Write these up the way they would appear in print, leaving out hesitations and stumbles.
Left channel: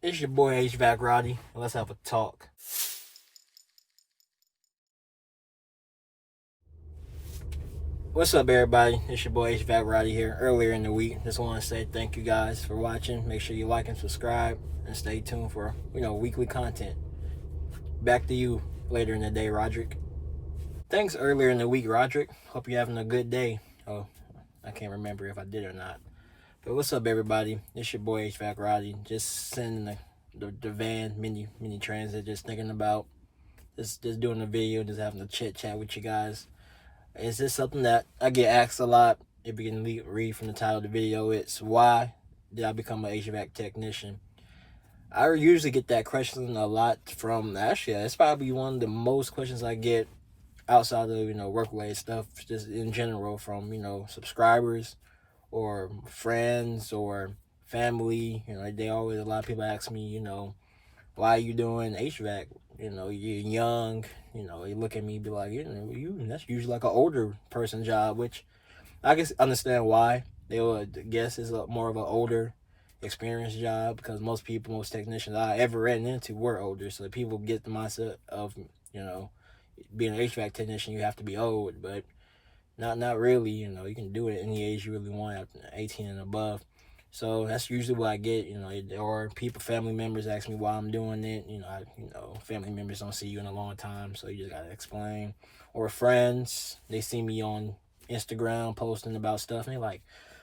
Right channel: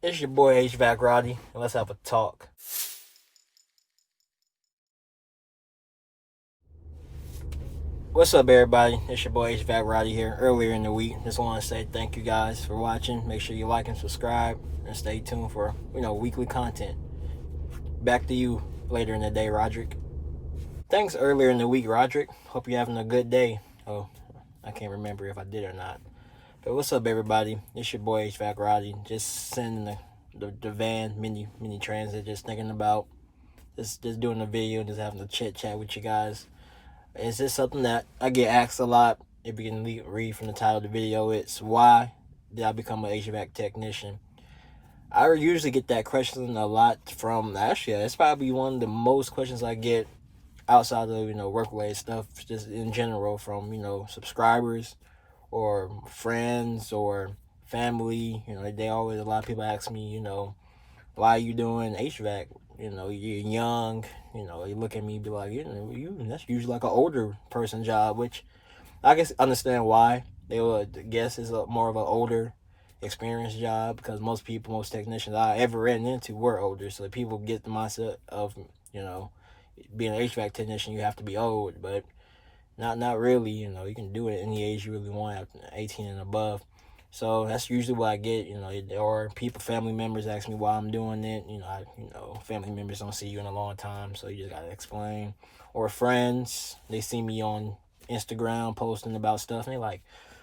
It's your boy HVAC Roddy, and let's have a talk. What's up, everybody? It's your boy HVAC Roddy here. Earlier in the week, just want to say thank you guys for watching. Make sure you like and subscribe, and stay tuned for weekly content. Back to you later in the day, Roderick. Thanks earlier in the week, Roderick. Hope you're having a good day. Oh, I can't remember if I did or not. But what's up, everybody? It's your boy HVAC Roddy. Just sending the van mini transit. Just thinking about just doing a video, just having a chit chat with you guys. Is this something that I get asked a lot? If you can read from the title of the video, it's why did I become an HVAC technician? I usually get that question a lot from, actually, it's probably one of the most questions I get outside of, work-related stuff, just in general from, subscribers or friends or family. They always, a lot of people ask me, why are you doing HVAC? You're young. You look at me and be like, that's usually like an older person job, which I guess understand why they would guess is more of an older, experienced job, because most technicians I ever ran into were older. So people get the mindset of, you know, being an HVAC technician, you have to be old, but not really. You can do it any age you really want, after 18 and above. So that's usually what I get, or family members ask me why I'm doing it. Family members don't see you in a long time, so you just gotta explain. Or friends, they see me on Instagram posting about stuff, and they like,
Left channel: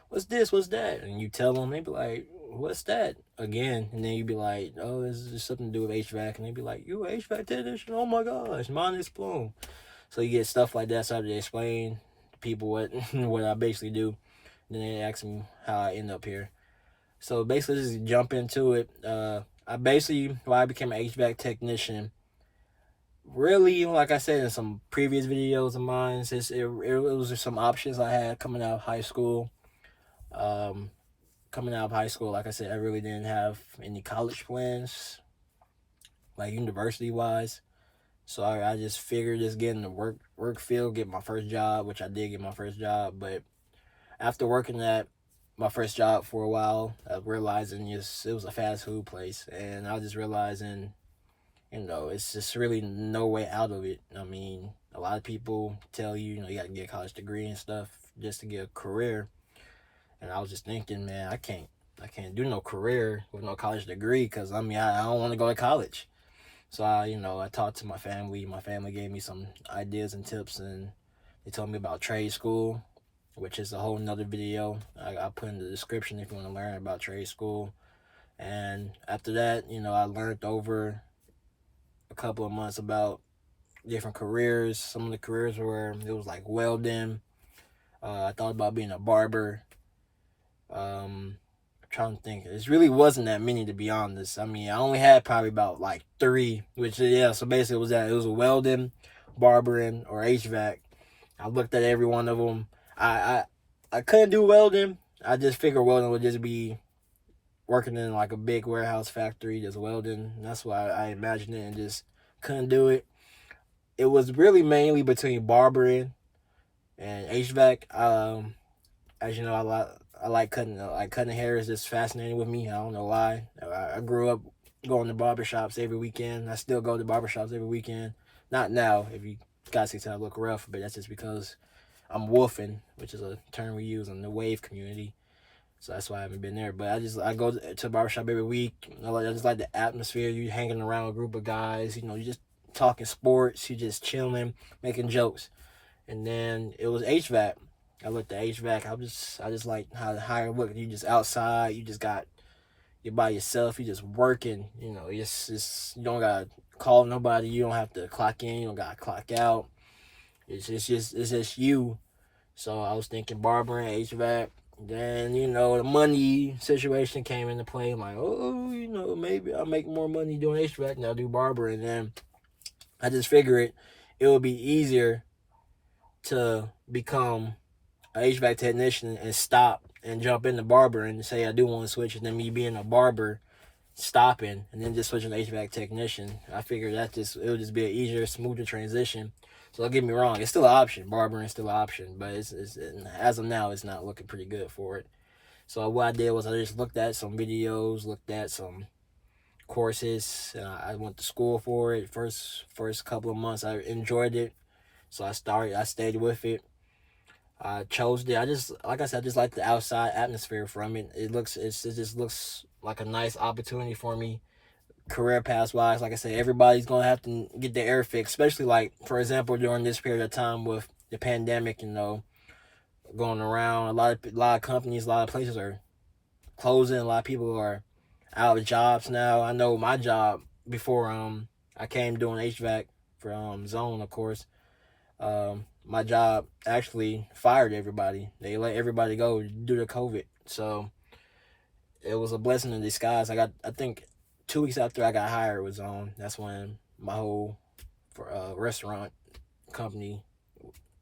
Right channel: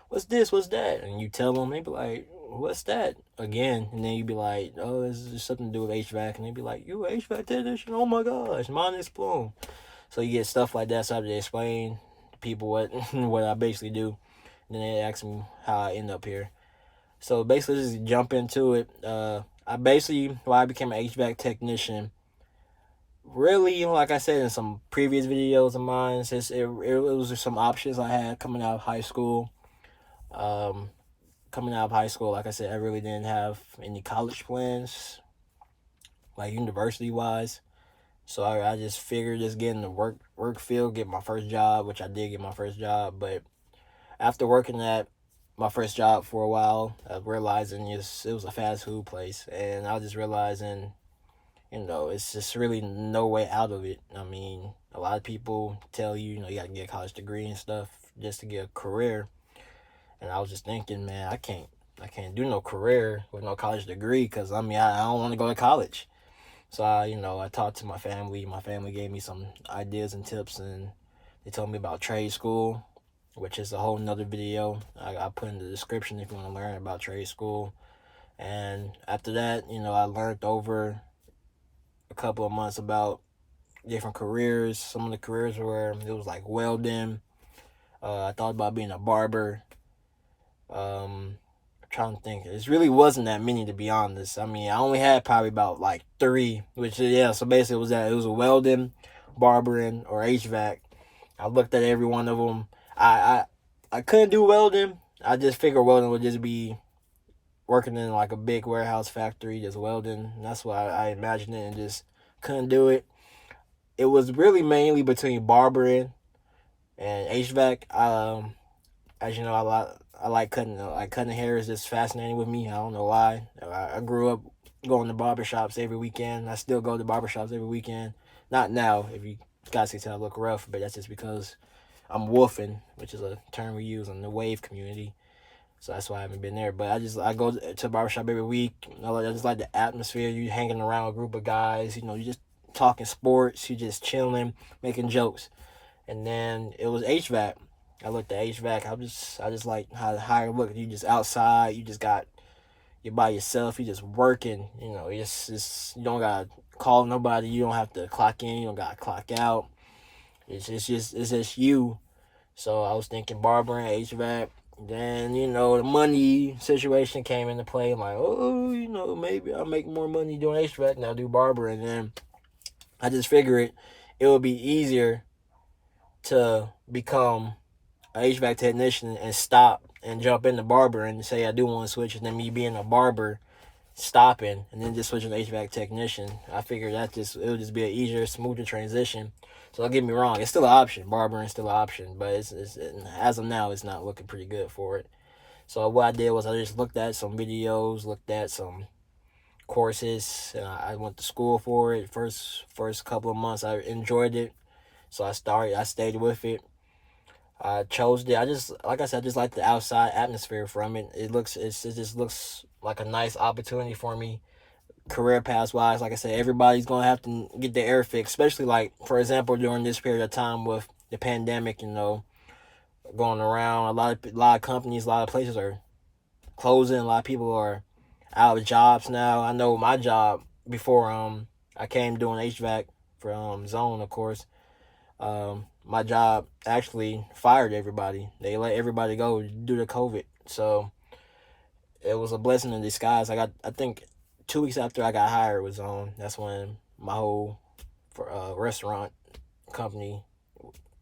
"What's this? What's that?" And you tell them, they be like, "What's that?" Again, and then you be like, "Oh, this is something to do with HVAC," and they be like, "You an HVAC technician? Oh my gosh, mind is blown." So you get stuff like that, so I have to explain to people what what I basically do. And then they ask me how I end up here. So basically, just jump into it. Why I became an HVAC technician. Really, like I said in some previous videos of mine, it was just some options I had coming out of high school. Um, Coming out of high school, like I said, I really didn't have any college plans, like university wise. So I just figured just getting the work field, get my first job, which I did get my first job. But after working at my first job for a while, realizing it was a fast food place, and I was just realizing, it's just really no way out of it. I mean, a lot of people tell you, you got to get a college degree and stuff just to get a career, and I was just thinking, man, I can't do no career with no college degree, because I don't want to go to college. So I talked to my family. My family gave me some ideas and tips, and they told me about trade school, which is a whole nother video I put in the description if you want to learn about trade school. And after that, I learned over a couple of months about different careers. Some of the careers were, it was like welding. I thought about being a barber. I'm trying to think. It really wasn't that many, to be honest. I mean, I only had probably about like three, which, yeah, so basically it was a welding, barbering, or HVAC. I looked at every one of them. I couldn't do welding. I just figured welding would just be working in like a big warehouse factory, just welding. That's why I imagined it, and just couldn't do it. It was really mainly between barbering and HVAC. As you know, I like cutting hair is just fascinating with me. I don't know why. I grew up going to barbershops every weekend. I still go to barbershops every weekend. Not now, if you guys can tell I look rough, but that's just because I'm woofing, which is a term we use in the wave community. So that's why I haven't been there. But I go to the barbershop every week. I just like the atmosphere. You hanging around a group of guys. You just talking sports. You just chilling, making jokes. And then it was HVAC. I looked at HVAC. I just like how it look. You just outside. You're by yourself. You just working. You don't gotta call nobody. You don't have to clock in. You don't gotta clock out. It's just you. So I was thinking barbering, HVAC. Then, the money situation came into play. I'm like, oh, maybe I'll make more money doing HVAC than I'll do barbering. And then I just figured it would be easier to become an HVAC technician and stop and jump into barber and say I do want to switch, and then me being a barber stopping and then just switching to HVAC technician. I figured it would just be an easier, smoother transition. So don't get me wrong, it's still an option. Barbering is still an option, but it's as of now, it's not looking pretty good for it. So what I did was I just looked at some videos, looked at some courses. I went to school for it. First couple of months, I enjoyed it, so I stayed with it. I chose it. I just, like I said, I just like the outside atmosphere from it. It just looks like a nice opportunity for me, career path wise. Like I said, everybody's gonna have to get their air fixed, especially like, for example, during this period of time with the pandemic. Going around, a lot of companies, a lot of places are closing. A lot of people are out of jobs now. I know my job before I came doing HVAC for Zone, of course. My job actually fired everybody. They let everybody go due to COVID. So it was a blessing in disguise. I think 2 weeks after I got hired was on. That's when my whole restaurant company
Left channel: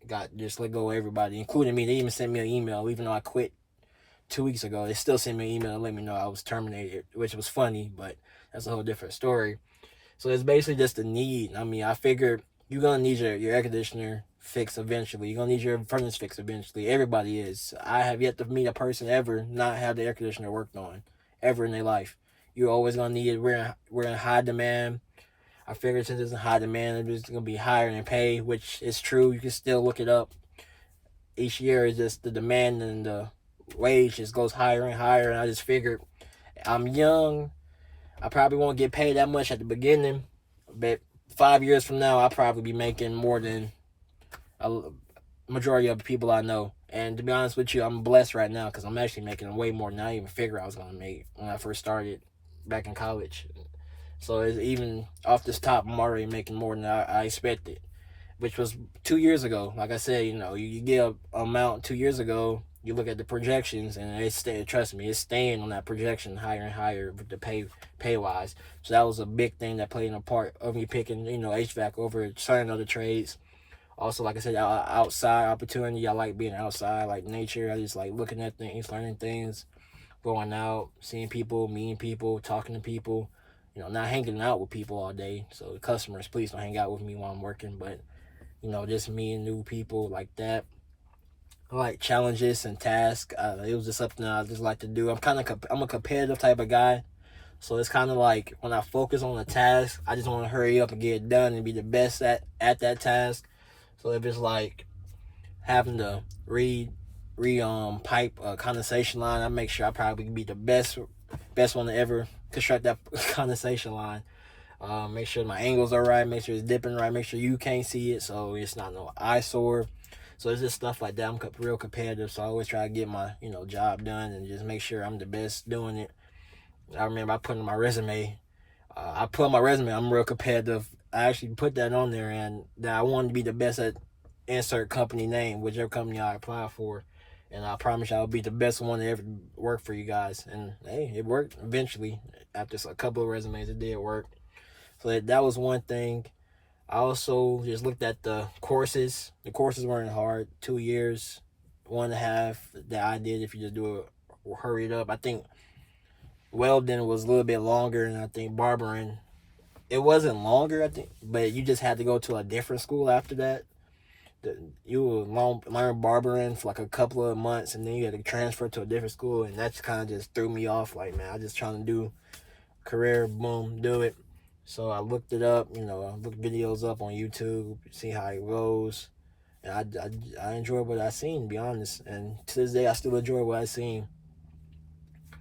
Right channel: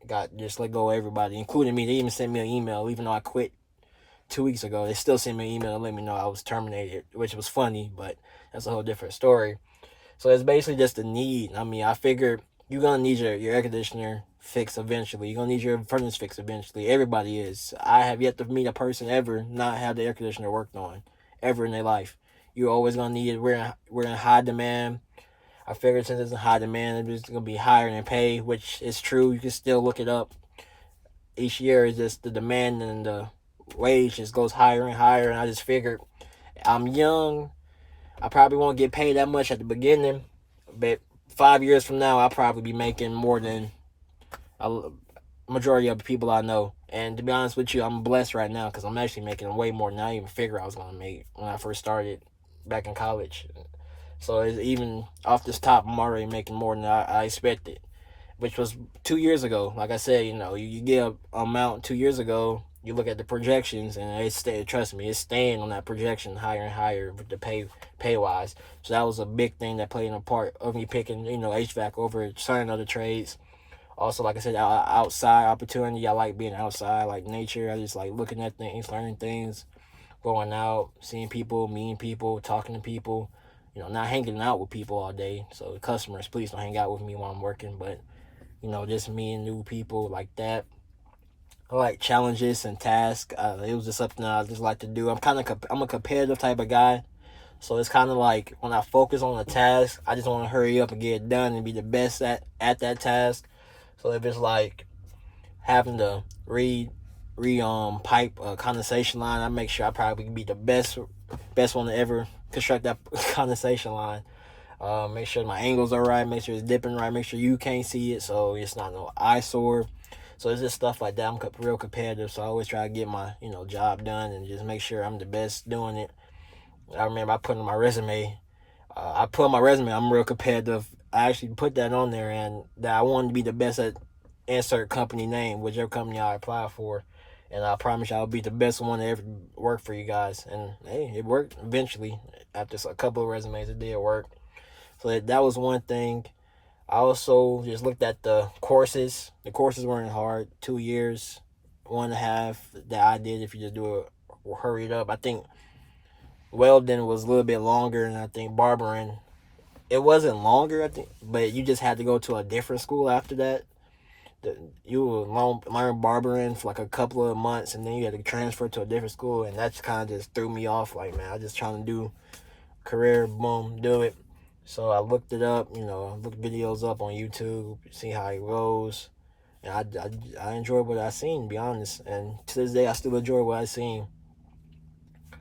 got just let go of everybody, including me. They even sent me an email, even though I quit 2 weeks ago. They still sent me an email to let me know I was terminated, which was funny, but that's a whole different story. So it's basically just a need. I mean, I figured you're gonna need your air conditioner fixed eventually. You're gonna need your furnace fixed eventually. Everybody is. I have yet to meet a person ever not have the air conditioner worked on, ever in their life. You're always gonna need it. We're in high demand. I figured since it's in high demand, it's gonna be higher than pay, which is true. You can still look it up. Each year is just the demand and the wage just goes higher and higher. And I just figured I'm young. I probably won't get paid that much at the beginning, but 5 years from now, I'll probably be making more than a majority of the people I know. And to be honest with you, I'm blessed right now because I'm actually making way more than I even figured I was going to make when I first started back in college. So it's even off this top, I'm already making more than I expected, which was 2 years ago. Like I said, you get a amount 2 years ago, you look at the projections, and trust me, it's staying on that projection higher and higher with the pay wise. So that was a big thing that played a part of me picking, HVAC over certain other trades. Also, like I said, outside opportunity. I like being outside, I like nature. I just like looking at things, learning things, going out, seeing people, meeting people, talking to people. Not hanging out with people all day. So customers, please don't hang out with me while I'm working. But just meeting new people like that. I like challenges and tasks. It was just something I just like to do. I'm a competitive type of guy. So it's kind of like when I focus on a task, I just want to hurry up and get it done and be the best at that task. So if it's like having to pipe a condensation line, I make sure I probably be the best one to ever construct that condensation line. Make sure my angles are right, make sure it's dipping right, make sure you can't see it so it's not no eyesore. So it's just stuff like that. I'm real competitive, so I always try to get my job done and just make sure I'm the best doing it. I remember I put on my resume. I'm real competitive. I actually put that on there, and that I wanted to be the best at insert company name, whichever company I apply for. And I promise you I'll be the best one to ever work for you guys. And hey, it worked eventually. After a couple of resumes, it did work. So that was one thing. I also just looked at the courses. The courses weren't hard. 2 years, 1.5 that I did if you just do it hurried up. I think welding was a little bit longer, and I think barbering, it wasn't longer, I think, but you just had to go to a different school after that. You would learn barbering for like a couple of months, and then you had to transfer to a different school, and that kind of just threw me off. Like, man, I just trying to do career, boom, do it. So I looked it up, I looked videos up on YouTube, see how it goes, and I enjoyed what I seen, to be honest. And to this day, I still enjoy what I seen.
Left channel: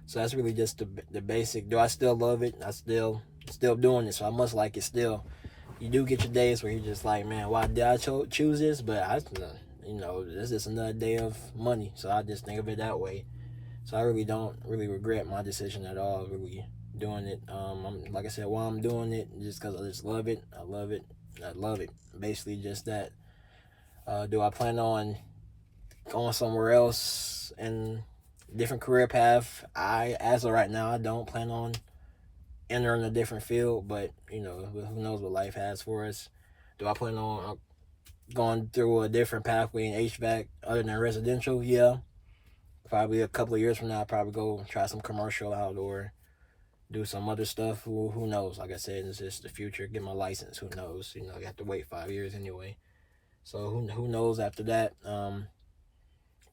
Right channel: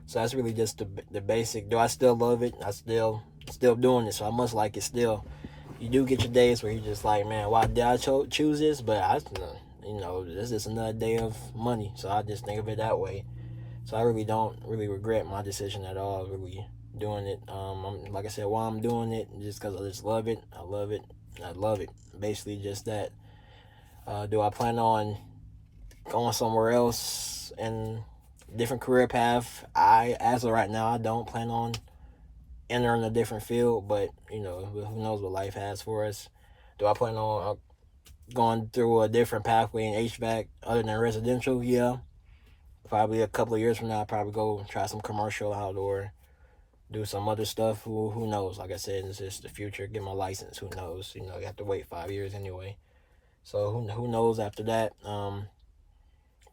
So that's really just the basic. Do I still love it? I still doing it, so I must like it still. You do get your days where you're just like, man, why did I choose this? But this is another day of money, so I just think of it that way. So I really don't really regret my decision at all, really doing it. Like I said, while I'm doing it, just because I just love it, I love it, I love it. Basically, just that. Do I plan on going somewhere else and different career path? As of right now, I don't plan on entering a different field, but who knows what life has for us. Do I plan on going through a different pathway in HVAC other than residential? Yeah, probably a couple of years from now, I'll probably go try some commercial out or do some other stuff. Who knows? Like I said, it's just the future. Get my license. Who knows? You have to wait 5 years anyway. So who knows after that?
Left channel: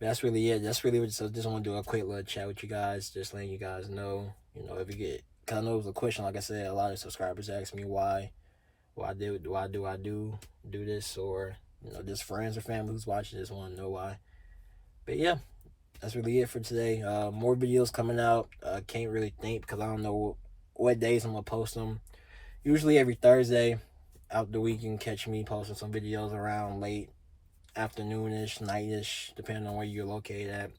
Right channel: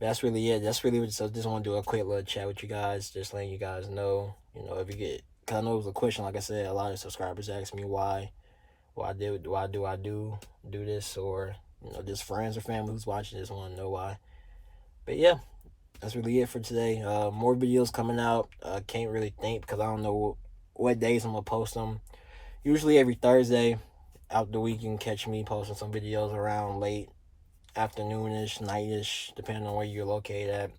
That's really it. That's really what. So just want to do a quick little chat with you guys, just letting you guys know. If you get Cause I know it was a question. Like I said, a lot of subscribers asked me why I do this, or just friends or family who's watching this want to know why. But yeah, that's really it for today. More videos coming out. Can't really think because I don't know what days I'm gonna post them. Usually every Thursday out the week you can catch me posting some videos around late afternoonish, nightish, depending on where you're located at.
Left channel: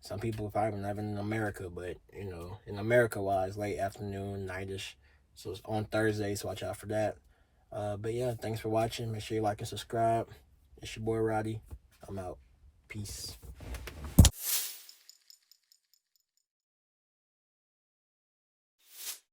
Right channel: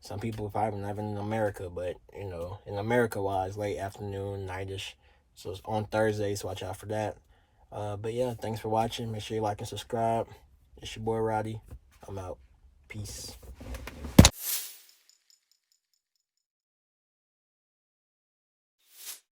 Some people probably not even in America, but in America wise, late afternoon, nightish. So it's on Thursdays, so watch out for that. But yeah, thanks for watching. Make sure you like and subscribe. It's your boy Roddy. I'm out. Peace.